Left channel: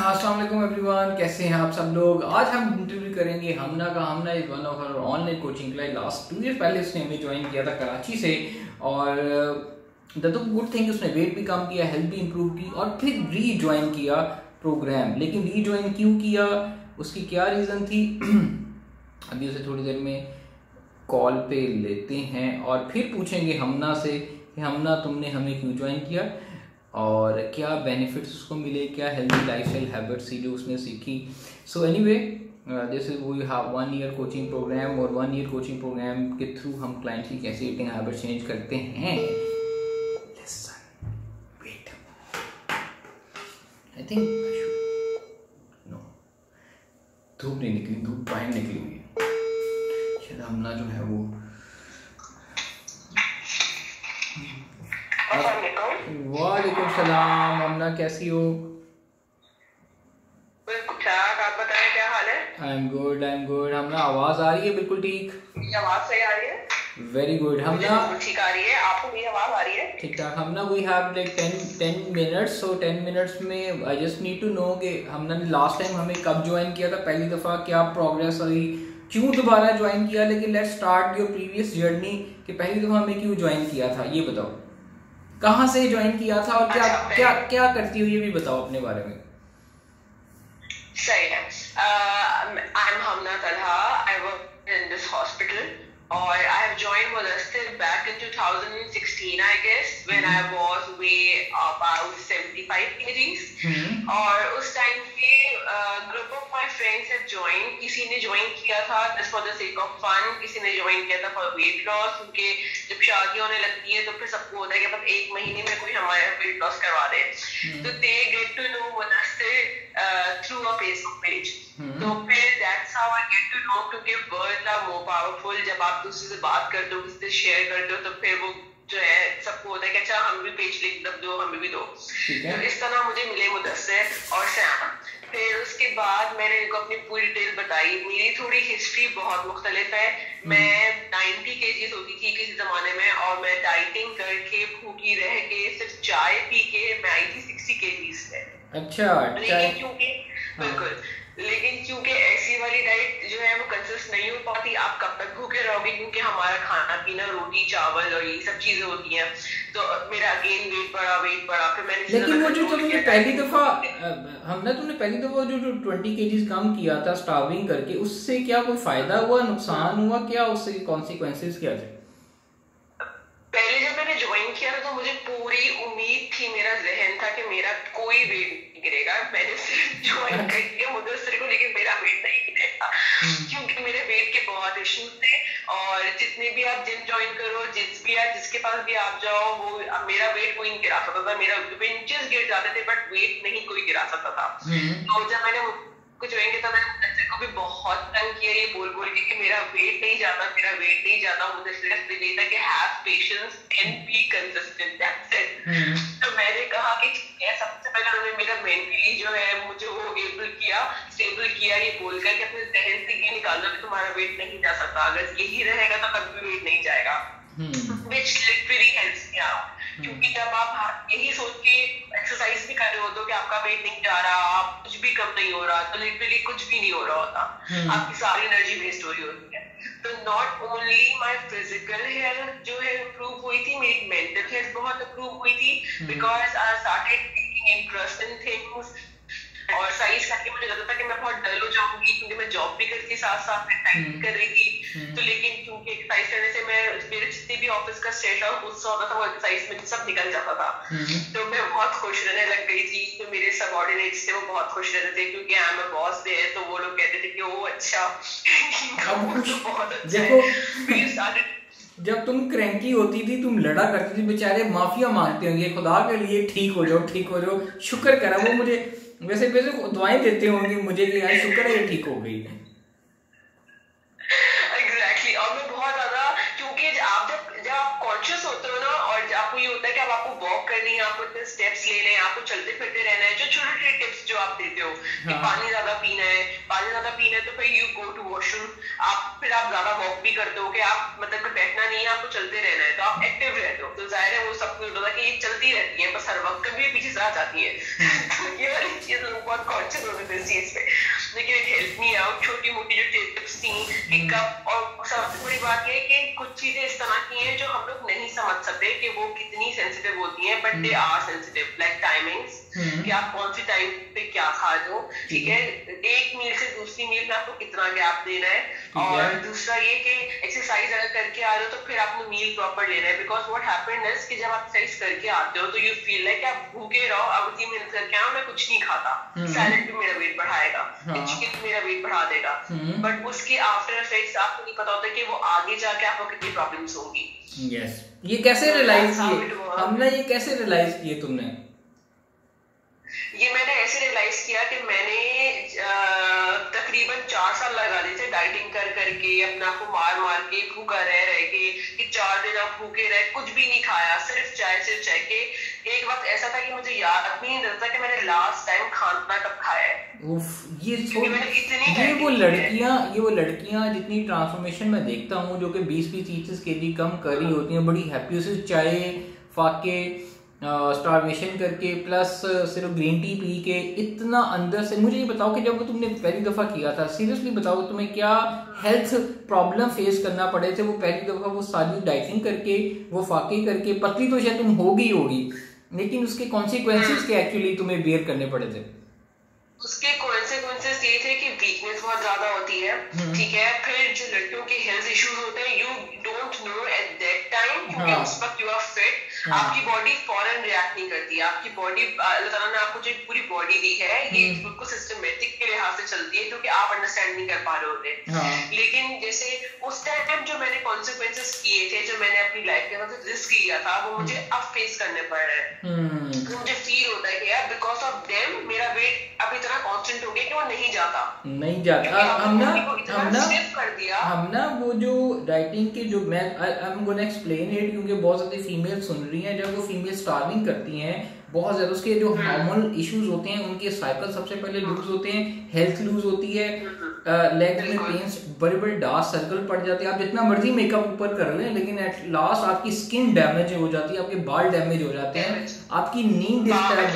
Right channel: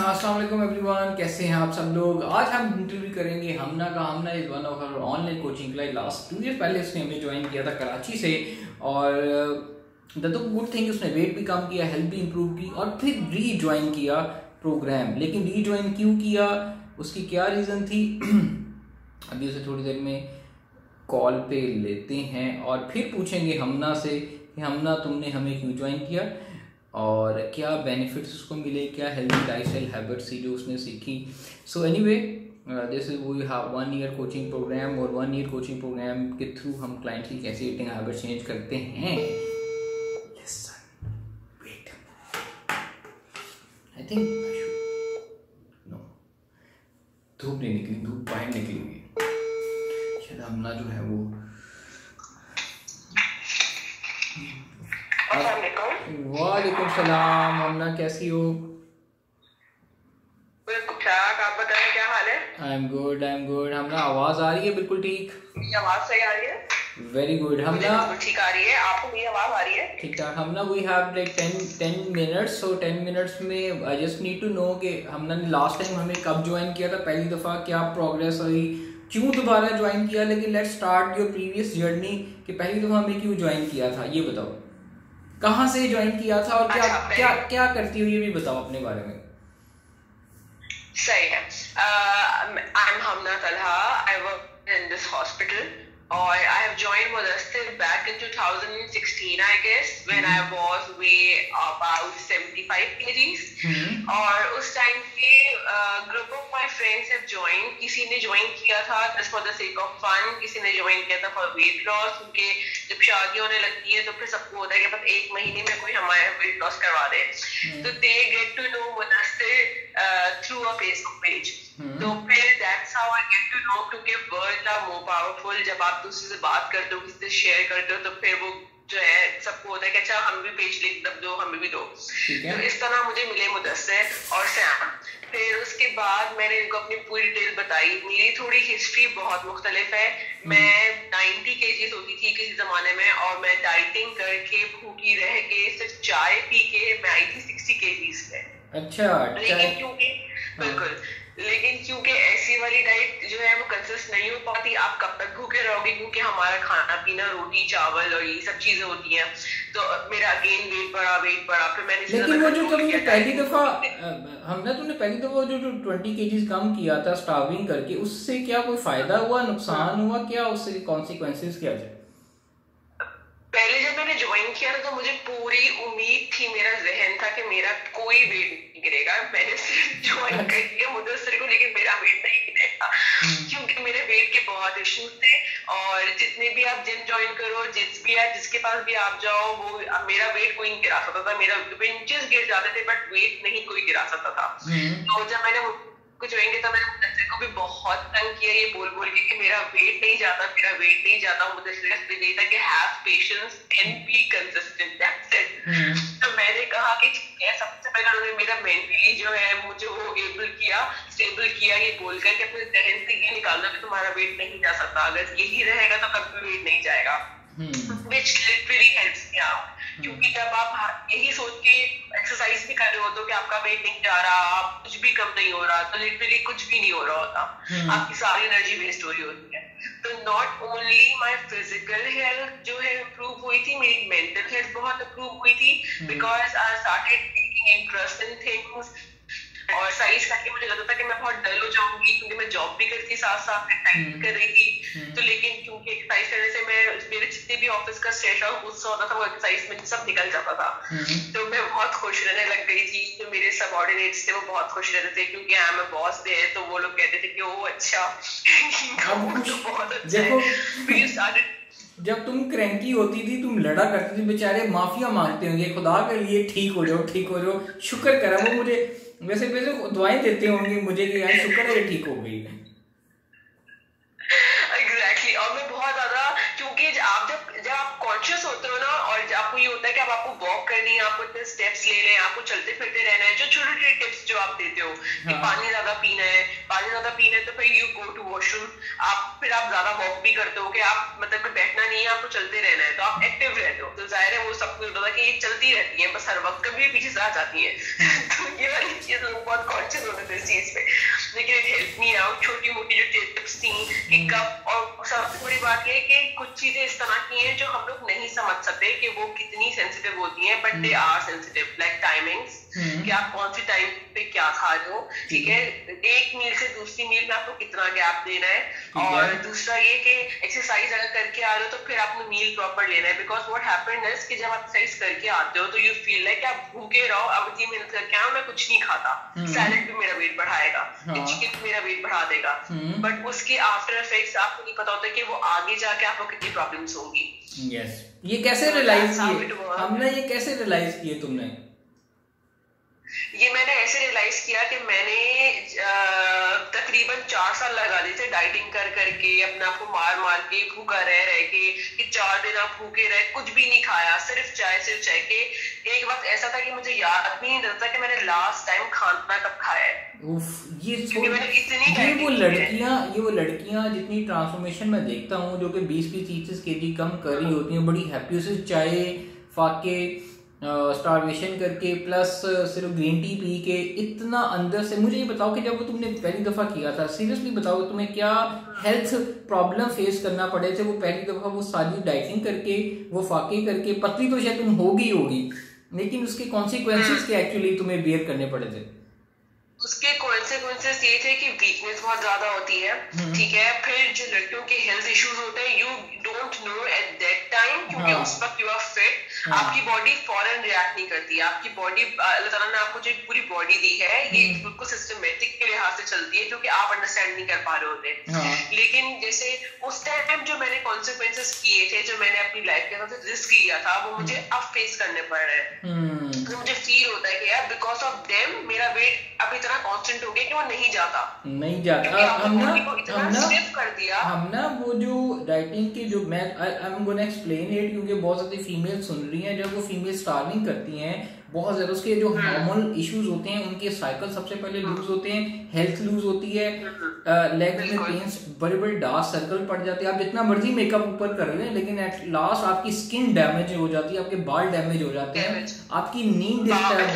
अस्सलाम वालेकुम एवरीवन, कैसे हैं आप सब लोग। आज हम इंटरव्यू करेंगे हमना का। Hamna is one of our online coaching class. Last 2 year पहले उसने हमें ज्वाइन किया था कराची से, और द गुड थिंग उसने वेट भी कम किया, हेल्थ भी इम्प्रूव की, और फिर री ज्वाइन किया प्रोग्राम। लेकिन री ज्वाइन क्यों किया, उसकी क्या रीज़न थी अभी उसे थोड़ी देर में कॉल पे लेते हैं और फिर पूछेंगे हमना से कि हमना तुमने हमें क्यों ज्वाइन किया और क्या बेनिफिट्स उसको मिले, क्या हेल्दी लाइफस्टाइल हैबिट्स थी जो उसने सीखी। So anyway, this is we have 1 year coaching program, और 1 ईयर कोचिंग प्रोग्राम के थ्रू हम क्लाइंट्स की कैसे ईटिंग हैबिट चेंज करते हैं। Listen, wait, I think no, धूप नहीं निकली, धूप बाहर निकली हुई है। शायद हमना जो है वो वालेकुम सलाम। हमना कैसी हो? आप बताएं क्या हाल है? I am good, I am good. Hamna आवाज आ रही है बिल्कुल ठीक? आवाज सही आ रही है? Very good. हमना ठीक आ रही है? आपको मेरी आवाज आ रही है? ठीक ठाक। Hamna we have like 10 minutes. So 10 minutes में I just need to know कि हमना ने लास्ट टाइम हमें कब ज्वाइन किया था पहली दफ़ा, क्या प्रोग्रेस हुई, क्यों दोबारा ज्वाइन किया। लेकिन let's start your previous journey कि पहली दफ़ा हमें क्यों ज्वाइन किया था, ये बताओ। कहाँ से ज्वाइन किया था और क्या क्या क्या करती हो, ये भी बताओ अपने बारे में। सही है। I am Hamna Talha, I work in this hospital, और I have joined Mudassir back in 2016 I guess, when I was weigh about 75 kgs। और उस टाइम पे group of my friends have join. किसी ने ज्वाइन किया था just for the sake of fun, किसी ने ज्वाइन किया था फॉर वेट लॉस, क्योंकि जब शादी होने लगती है तो फिर सबको होता है कि बस 1 महीने में कोई हमारे वेट लॉस करवा दे। तो they get to know Mudassir through a Facebook page. तो फिर that's how I get to know, क्योंकि वर्ड्स आर मोर पावरफुल। जब आप दूसरे से बात करते हो, किसी से शेयर करते हो, तो फिर वो जो है सबको होता है कि अच्छा हम भी पेज लिख दो, हमें भी दो। तो इस तरह मुझे मिले मुदस्सिर और सैम। फिर उसके बाद मैंने इनको अपनी पूरी डिटेल बताई। मेरी थोड़ी हिस्ट्री बहुत मुख्तलिफ है। मैं 90 kgs होती थी किसी जमाने में, और मैं डाइटिंग करके भूखी रह के सिर्फ चाय पी के मैं आई थी 60 kgs पे। अच्छा, लेकिन क्योंकि बिल्कुल, लेकिन क्योंकि ऐसी वाली डाइट जो है वो कंसिस्ट नहीं हो पाती, आप कब तक भूखे रहोगे, क्योंकि हमारा खाना पीना रोटी चावल और ये सब चीजें होती हैं। तो मेरा अगेन वेट बढ़ा। फिर मैंने, लेकिन वो जो तुमने पहली दफा हमने तुमने पहली दफा जो 20 kgs कम किया था स्टार्विंग करके, उससे क्या कोई फायदा हुआ, नुकसान हुआ, क्या उससे कॉन्सिक्वेंसेस क्या थे? पहले जब मैंने ज्वाइन किया था तो मुझे पूरी उम्मीद थी, मेरा जहन था कि मेरा कोई वेट नहीं गिरेगा। मैंने सिर्फ ज्वाइन कर दिया मुदस्सिर को, लेकिन मेरा वेट नहीं गिरेगा, क्योंकि मेरे वेट के बहुत इश्यूज थे। और जितने भी आप जिम ज्वाइन करो, जिसके पास भी आप जाओ, वो मेरा वेट कोई नहीं गिरा सकता था। मेरा इंचेस गिर जाते थे बट वेट नहीं कोई गिरा सकता था। तो जब मैंने कुछ ज्वाइन किया था, मैंने मुदस्सिर को भी बहुत तंग किया ये बोल के कि मेरा वेट नहीं जाता। मुदस्सिर का यही था कि have patience and be consistent, that's it. तो मैंने कहा कि सबसे पहले उन्होंने मेरा मेंटली जो है मुझे वो स्टेबल किया ये बोलकर कि अपने जहन से ये निकालना कि तुम्हारा वेट नहीं जा सकता, अगर यही रहेगा तो कभी वेट नहीं जाएगा, which literally helps me out। क्योंकि जब आप यही सोच के एक्सरसाइज भी कर रहे होते हो कि आपका वेट नहीं जा रहा, आप कुछ भी कम नहीं हो रहा, तो लिटरली कुछ भी नहीं हो रहा होता, आपकी सारी एनर्जी वेस्ट हो रही होती है। तो not only my physical health जो है इम्प्रूव हुई थी, मेरी मेंटल हेल्थ बहुत इम्प्रूव हुई थी, because I started taking interest in things. और साइज करके मुझे लगता था कि मैं बहुत डल हो जाऊंगी, क्योंकि मैं जॉब भी करती साथ में टाइप कर रही थी। तो लेकिन क्योंकि एक्सरसाइज करने से मेरे जितने भी ऑफिस का स्ट्रेस और गुस्सा होता था वो एक्सरसाइज में सब निकल जाता था। तो मैं बहुत खुश रहने लग गई थी। तो मेरे सबऑर्डिनेट्स थे वो बहुत खुश रहते थे, क्योंकि I am a boss there, तो वो लोग कहते थे कि ओ अच्छा तो बहुत अच्छा देखो, जब तुम क्रैंकी होती थी, तुम लड़ा करती थी, बेचारे माफिया मांगते होंगे खुदा के लिए, ठीक हो जाओ, शुक्र करा। वो मुझे वैसे दुआएं देते होंगे मुझे कि यार शुक्र है ये ठीक हो गई। एग्जैक्टली। और मैं बहुत ज्यादा, क्योंकि जब आप कॉन्शियस होते हो ना, और आपको ये होता है कि अब आपको वॉक करनी है, आपको इतने स्टेप्स लेने हैं, आपको चलते फिरते रहना है, जो छोटे छोटे टिप्स जो आप देते हो कि पानी ज्यादा पीना है, पानी ज्यादा पीना है तो फिर यू गो टू वॉशरूम, फिर आप ज्यादा वॉक भी करते हो कि आप मतलब कि बैठना नहीं है, आपको चलते रहना है, तो आप एक्टिव रहते हो, तो जाहिर है वो सबको होता है कि ये चलती रहती है बस हर वक्त, कभी भी पीछे से आ जाती है। तो ये वाली चीज लोग बहुत कॉन्शियस होते थे इस चीज पे, लेकिन इट हेल्प मी आउट। छोटी मोटी जो टिप्स थी कि कब, और सबसे बड़ी बात ये है कि कुछ चीजें इस तरह की हैं जो हम लोग नहीं समझ सकते कि वो कितनी सेंसिटिव होती हैं, but they are sensitive, like timings, कि आप कौन सी टाइम पे क्या खा रहे हो, ठीक है, एक मील से दूसरी मील में आपको कितना गैप देना है, और दूसरा ये कि एक्सरसाइज अगर करके आ रहे हो तो फिर आपको मील प्रॉपर लेना है, बिकॉज व्हाट हैपेंड इज कि जब आप एक्सरसाइज करके आते हो तो यू फील लाइक आप भूखे रहो, अब 3 मिनट करके आओ, मैं कुछ नहीं खाता, सैलेड भी मेरा वेट बढ़ाएगा, चिकन मेरा वेट बढ़ा देगा, बट उसके आफ्टर इफेक्ट्स आपको नहीं पता होता कि वो आगे जाके आपको कितनी प्रॉब्लम्स होंगी। यस, ये कैसे रियलाइज किए हमने, ये कैसे रियलाइज किए तुमने? ये मैंने ऐसे रियलाइज किया कि मैंने तकरीबन 4 साल लगा दिए थे डाइटिंग कर करके, अपने आप को मार के, भूखा रह के, कि 4 दिन आप भूखे रहे, कुछ भी नहीं खाया, सिर्फ चाय के। एक वक्त ऐसा था कि मुझे याद भी नहीं रहता कि मैंने लास्ट टाइम खाना कब खाया है। ये वो लड़कियां जितनी ट्रांसफॉर्मेशन में देखता हूँ जो कि 20-30 kg कम कर रही होती हैं, बड़ी हैप्पी से चाय फाके स्टारवेशन करके प्लस सिर्फ ग्रीन टी पी के, इतना अंदर से, मुझे ये बताओ कि जब वो तुमने पहली दफ़ा किया था, सीरियसली बताओ तुम्हें क्या हेल्थ प्रॉब्लम फेस करना पड़े थे वो पहली दफ़ा, वो सारी डाइटिंग करके, वो फाके करके? पतली तो शायद तुम होगी, लेकिन उसके कॉन्सिक्वेंसेस क्या एक्चुअली तुम्हें बेयर करने पड़े थे? उसके कॉन्सिक्वेंसेस ये थे कि वीकनेस बहुत ज्यादा होती है, ठीक है, फिर जो लड़कियों के हेल्थ इश्यूज होते हैं, you don't know at that time, क्योंकि उस वक्त यू आर फिट, आपकी बॉडी फौरन रिएक्ट नहीं करती, आपकी बॉडी, अल्लाह ताला ने आपको जो पूरी बॉडी दी है ये बिल्कुल सिस्टमेटिक के लिहाज से चलती है, क्योंकि आप अंडरस्टैंड नहीं कर पा रहे होते। लेकिन जैसे उस टाइम जो मैंने कॉन्सिक्वेंसेस किए थे, जो मैंने अपनी लाइफ के अंदर रिस्क लिया था, वो मुझे अब फेस करने पड़ रहे हैं। तो मुझे फील होता है कि यार बिकॉज ऑफ देम मेरा वेट अब इतना कांस्टेंट हो गया कि वो नहीं जाता। हम ना वो जो डाइटिंग की जो मैं आई एम गोना एक्सप्लेन इट, क्योंकि बहुत सारी फीमेल सुन रही हैं, जब वो फीमेल स्टार्विंग करती हैं बहुत ज्यादा, उसके जो हार्मोनल इश्यूज होते हैं, उनके साइकिल सबसे पहले लूज होते हैं, हेल्थ लूज होती है, लेग्स में पेन्स, बड़े बड़े डार्क सर्कल पड़ जाते हैं, आप जितना मर्जी मेकअप ऊपर कर लें, लेकिन एट लास्ट आपकी स्किन डैमेज हो जाती है, आपके बाल डैमेज हो जाते हैं, आपकी नींद डिस्टर्ब,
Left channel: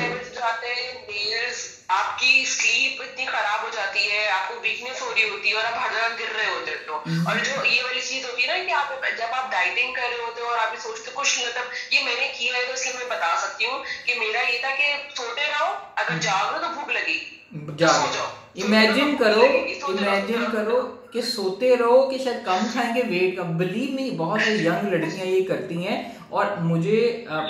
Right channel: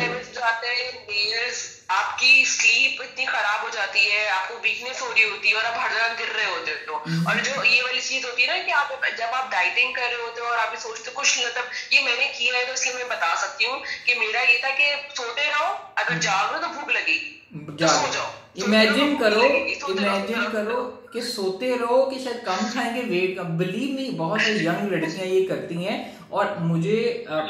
आपकी स्लीप इतनी खराब हो जाती है, आपको वीकनेस हो रही होती है, और आप हर जगह गिर रहे होते हो। और जो ये वाली चीज होती है ना कि आप जब आप डाइटिंग कर रहे होते हो और आप ये सोचते हो कुछ, मतलब ये मैंने किया है तो इसलिए मैं बता सकती हूँ कि मेरा ये था कि सोते रहो, अगर जाग रहे हो तो भूख लगेगी, सो जाओ। इमेजिन करो कि सोते रहो कि शायद कम खाएंगे, वेट का, बिलीव मी बहुत सारी यंग लड़कियां ये करती हैं। और मुझे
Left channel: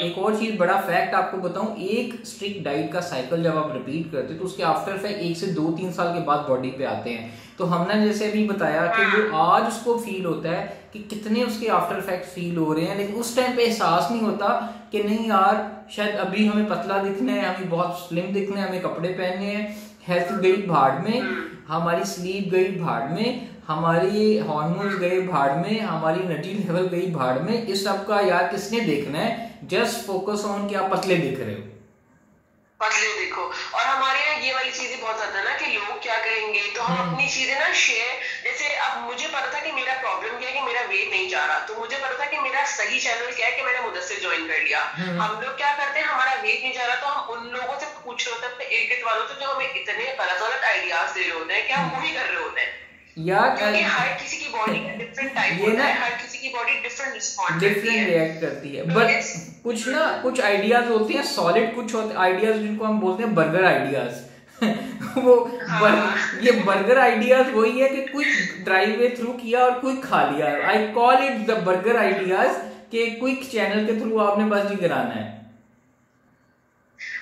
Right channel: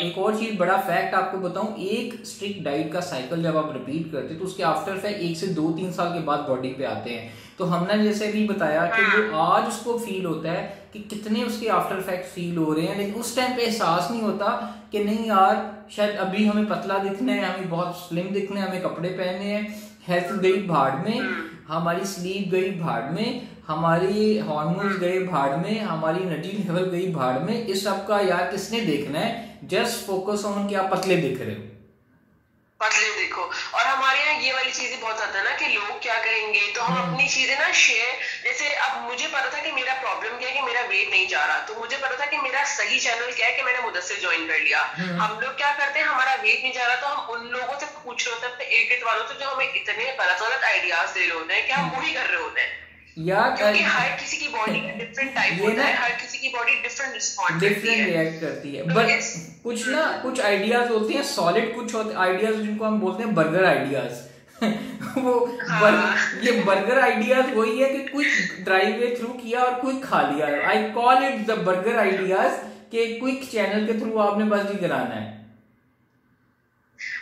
एक और चीज, बड़ा फैक्ट आपको बताऊं, एक स्ट्रिक्ट डाइट का साइकिल जब आप रिपीट करते हो तो उसके आफ्टर इफेक्ट 1 से 2-3 साल के बाद बॉडी पे आते हैं। तो हमने जैसे भी बताया कि वो आज उसको फील होता है कि कितने उसके आफ्टर इफेक्ट फील हो रहे हैं, लेकिन उस टाइम पे एहसास नहीं होता कि नहीं यार शायद अभी हमें पतला दिखना है, हमें बहुत स्लिम दिखना है, हमें कपड़े पहनने हैं, हेल्थ गई भाड़ में, हमारी स्लीप गई भाड़ में, हमारी हार्मोन्स गए भाड़ में, हमारी एनर्जी लेवल गई भाड़ में। इस सब का यार किसने देखना है? जस्ट फोकस ऑन कि आप पतले दिख रहे हो, पतले देखो। और हमारे यहाँ ये वाली चीजें बहुत आता है ना कि लोग क्या करेंगे, तो हम अपनी चीजें ना शेयर, जैसे अब मुझे पता था कि मेरा प्रॉब्लम क्या है कि मेरा वेट नहीं जा रहा, तो मुझे पता था कि मेरा सही चैनल क्या है कि मैंने मुदस्सिर ज्वाइन कर लिया। हम लोग क्या करते हैं, हमारा वेट नहीं जा रहा तो हम उन लोगों से पूछ रहे होते हैं, अपने एडिट वालों से, जो हमें इतने गलत आइडियाज दे रहे होते हैं कि हम वही कर रहे होते हैं यार, क्योंकि हर किसी की बॉडी का डिफरेंट टाइप होता है, हर किसी की बॉडी डिफरेंट रिएक्ट करती है। बट कुछ आइडियाज होते हैं सॉलिड, कुछ होते आइडियाज जिनको हम बोलते हैं बर्गर आइडियाज। ये बर्गर आइडियाज वही है कि क्विक ड्राइव वे थ्रू किया और क्विक खा लिया। I call it the burger ideas के क्विक चैनल के थ्रू आपने बस जी कराना है।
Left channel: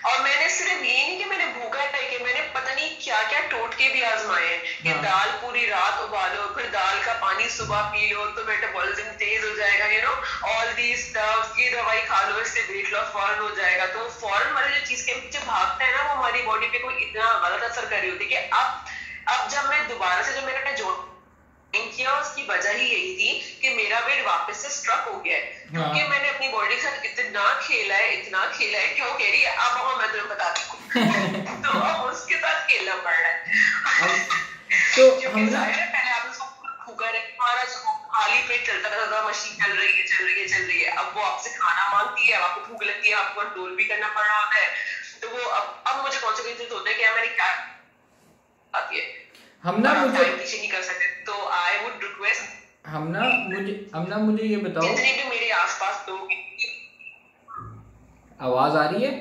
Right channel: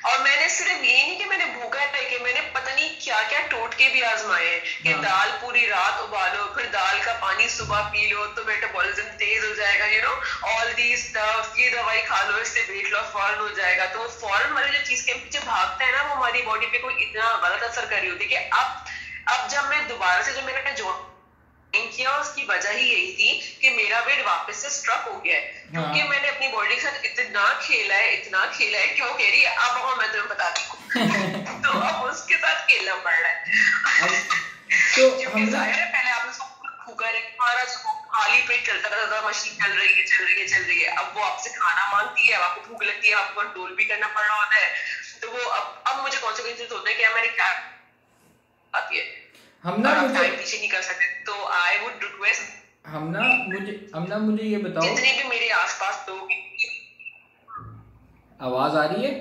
और मैंने सिर्फ ये नहीं कि मैंने भूखा है कि मैंने पता नहीं क्या क्या टोटके भी आजमाए हैं कि दाल पूरी रात उबालो, फिर दाल का पानी सुबह पी लो तो मेटाबॉलिज्म तेज हो जाएगा, you know all these stuff, ये दवाई खा लो इससे वेट लॉस फौरन हो जाएगा। तो फौरन वाली जो चीज के पीछे भागता है ना, वो हमारी बॉडी पे कोई इतना गलत असर कर रही होती है कि अब जब मैं दोबारा से जब मैंने जो किया उसकी वजह ही यही थी कि मेरा वेट वापस से स्ट्रक हो गया है, क्योंकि मैंने अपनी बॉडी के साथ इतना खेला है क्यों कह रही है अब मैं तुम्हें बता दूं तो अब उसके साथ खेलना पड़ रहा है। तो क्योंकि जाहिर है पहले आपने सब फूका है, हमारा खाली पेट चलता था, मशीन चल रही है चल रही है चल रही है, अब वो आपसे खाना मांगती है, आपको भूख लगती है, आपको कंट्रोल भी करना पड़ रहा होता है, तो वो अब मुझे कॉन्सिक्वेंसेस होते हैं कि मैंने क्या आती है, हम ना मुझे टाइम पीछे नहीं कर सकते। तो आई वुड रिक्वेस्ट हम ना मुझे ये बताओ, जितने भी मेरे आसपास लोग, आवाज आ रही है?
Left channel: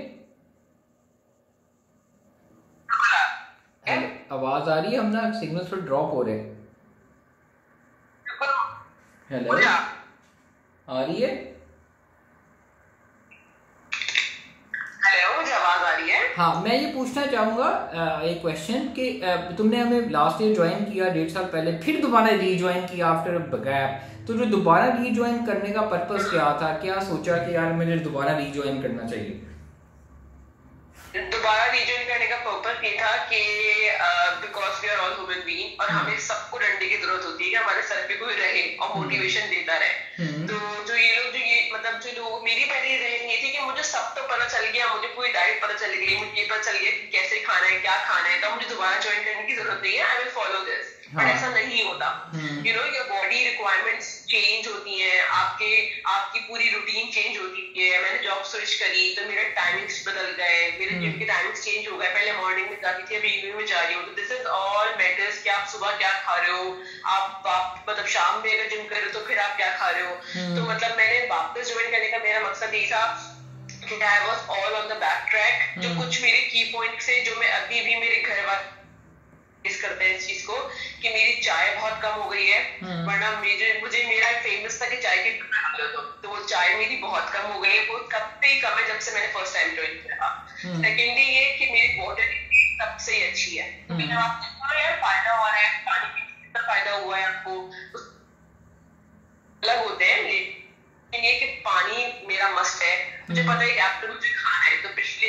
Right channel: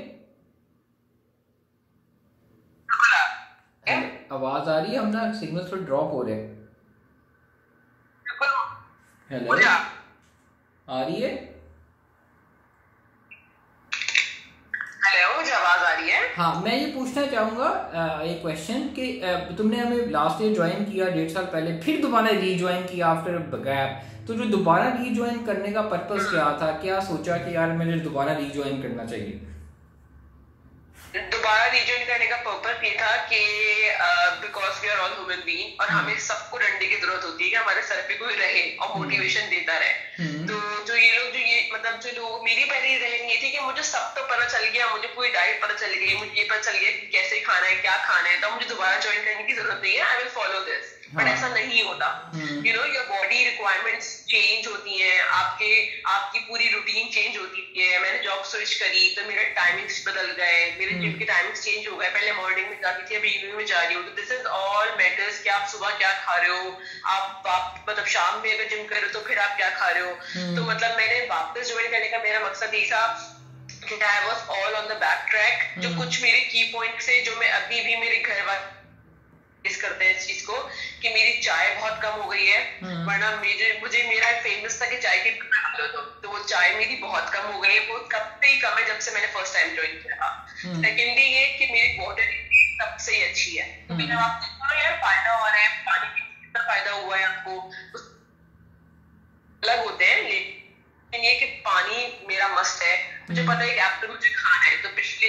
आवाज आ रही है? हम ना सिग्नल थोड़ा ड्रॉप हो रहे हैं। हेलो, आ रही है? हेलो, मुझे आवाज आ रही है। हाँ, मैं ये पूछना चाहूँगा एक क्वेश्चन कि तुमने हमें लास्ट ईयर ज्वाइन किया 1.5 साल पहले, फिर दोबारा रीज्वाइन किया आफ्टर गैप, तो जो दोबारा रीज्वाइन करने का पर्पस क्या था? क्या सोचा कि यार मुझे दोबारा रीज्वाइन करना चाहिए? दोबारा रीजॉइन करने का पर्पस ये था कि because we are all human being और हमें सबको डंडे की जरूरत होती है कि हमारे सर पे कोई रहे और मोटिवेशन देता रहे। तो जो ये लोग मतलब जो लोग, मेरी पहली रहन ये थी कि मुझे सब तो पता चल गया, मुझे पूरी डाइट पता चल गई, मुझे ये पता चल गया कि कैसे खाना है क्या खाना है, तो मुझे दोबारा ज्वाइन करने की जरूरत नहीं है, I will follow this. But ऐसा नहीं होता, you know your body requirements change होती हैं, आपकी पूरी रूटीन चेंज होती है। मैंने जॉब स्विच करी तो मेरे टाइमिंग्स बदल गए, मेरे जिम के टाइमिंग्स चेंज हो गए, पहले मॉर्निंग में जाती थी, अभी इवनिंग में जा रही हूँ। तो दिस इज ऑल मैटर्स कि आप सुबह क्या खा रहे हो, आप मतलब शाम में अगर जिम कर रहे हो तो फिर आप क्या खा रहे हो। तो मतलब मैंने वापस ज्वाइन करने का मेरा मकसद ये था कि I was all on the back track. जो कुछ मेरे की पॉइंट्स है जो मैं अभी भी मेरे घर वाले इस करते हैं इस चीज को कि मेरी चाय बहुत कम हो गई है, वरना मुझे मेरा फेमस था कि चाय की तो वो चाय मेरी बहुत कम हो गई है, वो कब से ही कम है जब से मैंने फर्स्ट टाइम ज्वाइन किया था। सेकेंडली ये कि मेरी वाटर सबसे ही अच्छी है, क्योंकि जब आप यार फायदा हो रहा है, पानी पीने से कितना फायदा हुआ है आपको, अलग होते हैं। लेकिन ये कि पानी मेरा मस्ट है, मुझे पता है कि एप्पल मुझे खाना है, तो पिछले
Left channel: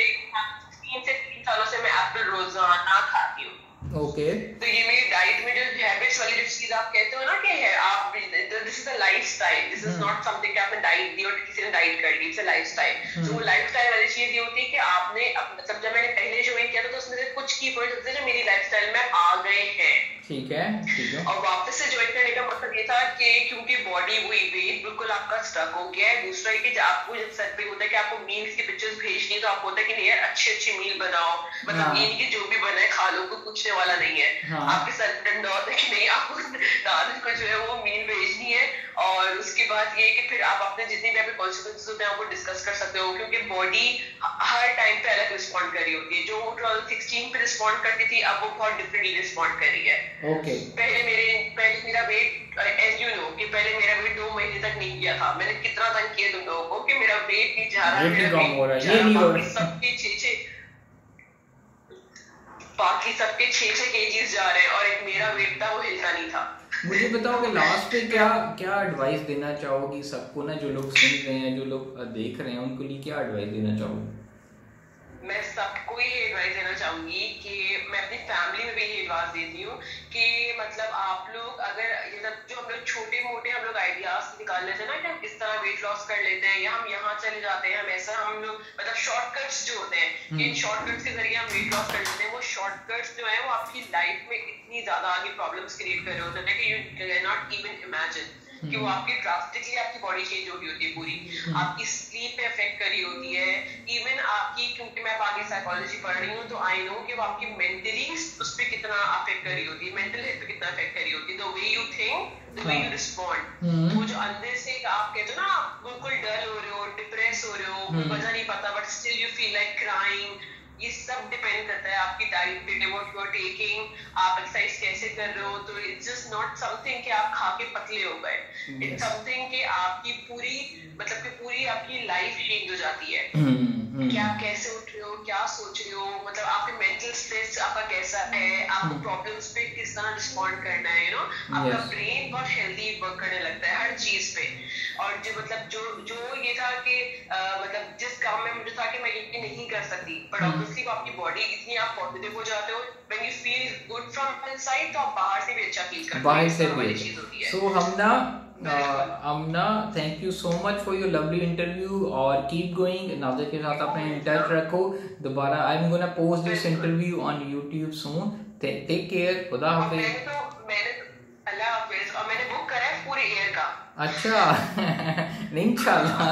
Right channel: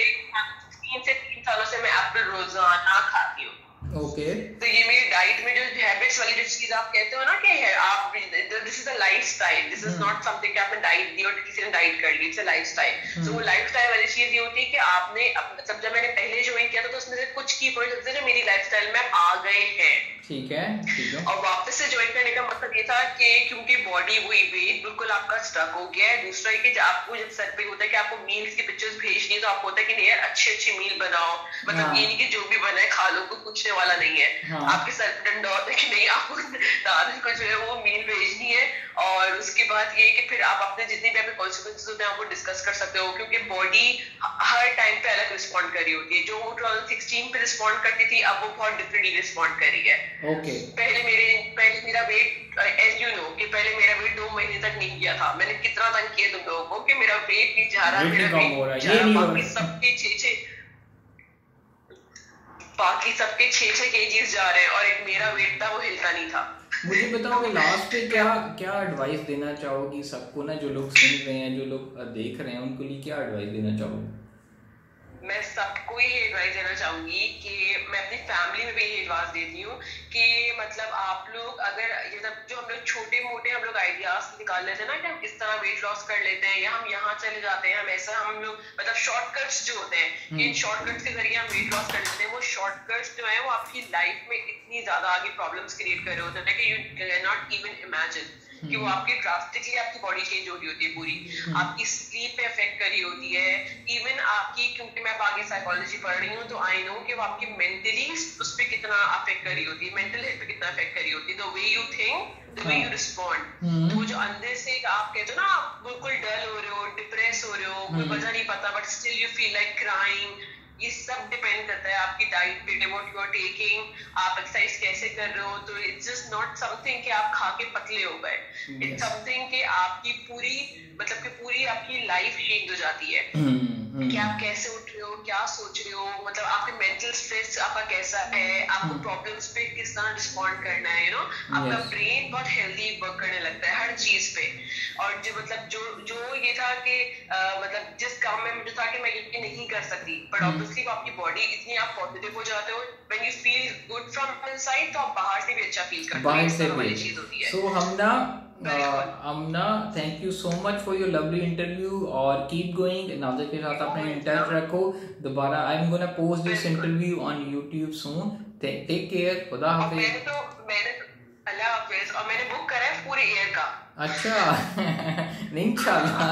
3 से 3 सालों से मैं एप्पल रोजाना खाती हूँ। ओके तो ये मेरी डाइट में जो हैबिट्स वाली जो चीज आप कहते हो ना कि है आप, this is a lifestyle, this is not something कि आपने डाइट दी और किसी ने डाइट कर ली, इट्स अ लाइफस्टाइल। तो वो लाइफस्टाइल वाली चीज ये होती है कि आपने मतलब जब मैंने पहले ज्वाइन किया था तो उसमें से कुछ की पॉइंट्स होते थे जो मेरी लाइफस्टाइल में आ गए हैं। ठीक है। और वापस से ज्वाइन करने का मतलब ये था कि क्योंकि बॉडी वही वेट बिल्कुल आपका स्टक हो गया है। दूसरा है कि आपको जब सर पे होता है कि आपको मील्स की पिक्चर्स भेजनी है, तो आपको होता है कि नहीं यार अच्छे मील बनाओ, मतलब ये कि जो भी बना है खा लो, कोई पूछने वाला नहीं है। आपके सर पे डंडा होता है कि नहीं आपको दादी को जो है वो मील भेजनी है। और उसके बाद ये कि फिर आप अपने जितने भी आपके कॉन्सिक्वेंसेस होते हैं आपको डिस्कस कर सकते हो, क्योंकि बॉडी हर टाइम पे अलग रिस्पॉन्ड कर रही होती है। जो 2016 पे रिस्पॉन्ड करती थी अब वो बहुत डिफरेंटली रिस्पॉन्ड कर रही है। ओके, पहले मेरा वेट एज यू नो कि पहले मेरा वेट 2 महीने तक नहीं किया था। मैंने कितना तंग किया तुम लोगों को कि मेरा वेट नहीं जा रहा, वेट कम हो रहा है, ये नहीं हो रहा, सबके 6 केजीज जा रहे हैं और एक मेरा वेट था वो हिलता नहीं था। मुझे बताओ कि लास्ट पे क्या एडवाइस देना चाहोगी सबको ना, जो लोग सुन रहे हैं, जो लोग देख रहे हैं, उनको लिए क्या एडवाइस देना चाहोगी? मैं सबको ये एडवाइस देना चाहूंगी कि मैं अपनी फैमिली में भी ये एडवाइस देती हूँ कि मतलब आप लोग अगर मतलब जो हम लोग छोटे मोटे हम लोग आइडियाज निकाल लेते हैं ना कि हम किस तरह वेट लॉस कर लेते हैं या हम यहाँ चले जाते हैं, हम ऐसा हम लोग मतलब शॉर्टकट्स जो होते हैं, इन शॉर्टकट्स के जरिए हम वेट लॉस कर लेते हैं। वो शॉर्टकट्स जो है वो आपकी लाइफ में इतनी ज्यादा आगे प्रॉब्लम्स क्रिएट कर रहे होते हैं कि you can not even imagine कि वो आपकी ड्रास्टिकली आपकी बॉडी चेंज हो रही होती है, पूरी आपकी स्लीप पे इफेक्ट कर रही होती है। इवन आपकी, क्योंकि मैं आगे साइकोलॉजी पढ़ रही हूँ तो आई नो कि वो आपकी मेंटली उस पर कितना अफेक्ट कर रही होती है, मेंटल हेल्थ पे कितना अफेक्ट कर रही होती है। The way you think, the way you respond, वो जो अंदर से आप कहते हो ना आप बिल्कुल डल हो रहे हो, डिप्रेस हो रहे हो, कोई वजह नहीं पता but still you feel like crying, ये सब डिपेंड करता है आपकी डाइट पे, व्हाट यू आर टेकिंग, आप एक्सरसाइज कैसे कर रहे हो। तो इट्स जस्ट नॉट समथिंग कि आप खा के पतले हो गए, इट्स समथिंग कि आपकी पूरी मतलब कि पूरी आपकी लाइफ चेंज हो जाती है कि आप कैसे उठ रहे हो, क्या सोच रहे हो, मतलब आपके मेंटल स्ट्रेस आपका कैसा है, आपको प्रॉब्लम्स पे किस तरह रिस्पॉन्ड करना है, यू नो आपका ब्रेन बहुत हेल्दी वर्क करने लगता है हर चीज पे। और जो मतलब जो ये था कि मतलब जिस काम में मुझे था कि मैं ये नहीं कर सकती, बट ऑब्वियसली आपकी बॉडी इतनी आप पॉजिटिव हो जाते हो, when you feel good from inside, तो आप बाहर से भी अच्छा फील करते हो, बाहर से भी। सो Hamna Amna, thank you so much for your lovely interview और कीप गोइंग। नाज़ा के साथ अपने इन टच रखो। दोबारा I am gonna post this interview on YouTube soon. Take care, खुदा हाफिज। अल्लाह हाफिज। और मैंने बुक करा है पूरे ईयर का। अच्छा इंशाल्लाह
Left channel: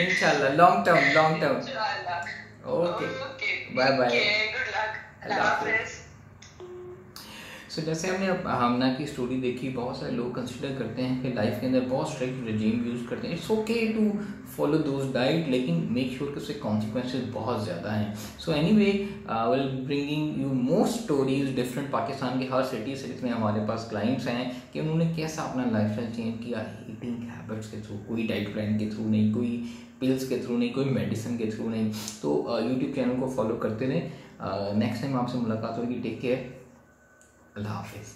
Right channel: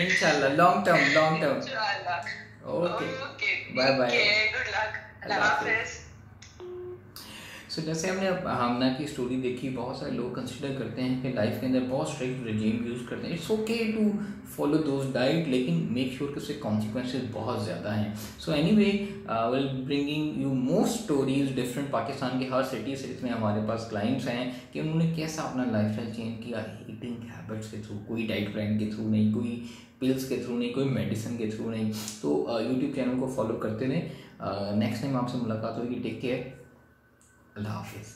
इंशाल्लाह long term. Okay bye bye, good luck, अल्लाह हाफिज। सो जैसे हमने अब हमना की स्टोरी देखी, बहुत सारे लोग कंसिडर करते हैं कि लाइफ के अंदर बहुत स्ट्रिक्ट रिजीम यूज़ करते हैं। It's okay to follow those diet, लेकिन मेक श्योर कि उसके कॉन्सिक्वेंसेज बहुत ज़्यादा हैं। So anyway will bringing you more stories different. Pakistan के हर सिटीज़ में हमारे पास क्लाइंट्स हैं कि उन्होंने कैसा अपना लाइफस्टाइल चेंज किया ईटिंग हैबिट्स के थ्रू, कोई डाइट प्लान के थ्रू नहीं, कोई पिल्स के थ्रू नहीं, कोई मेडिसिन के थ्रू नहीं। तो यूट्यूब चैनल को फॉलो करते रहें। नेक्स्ट टाइम आपसे मुलाकात होगी। टेक केयर, अल्लाह हाफिज़।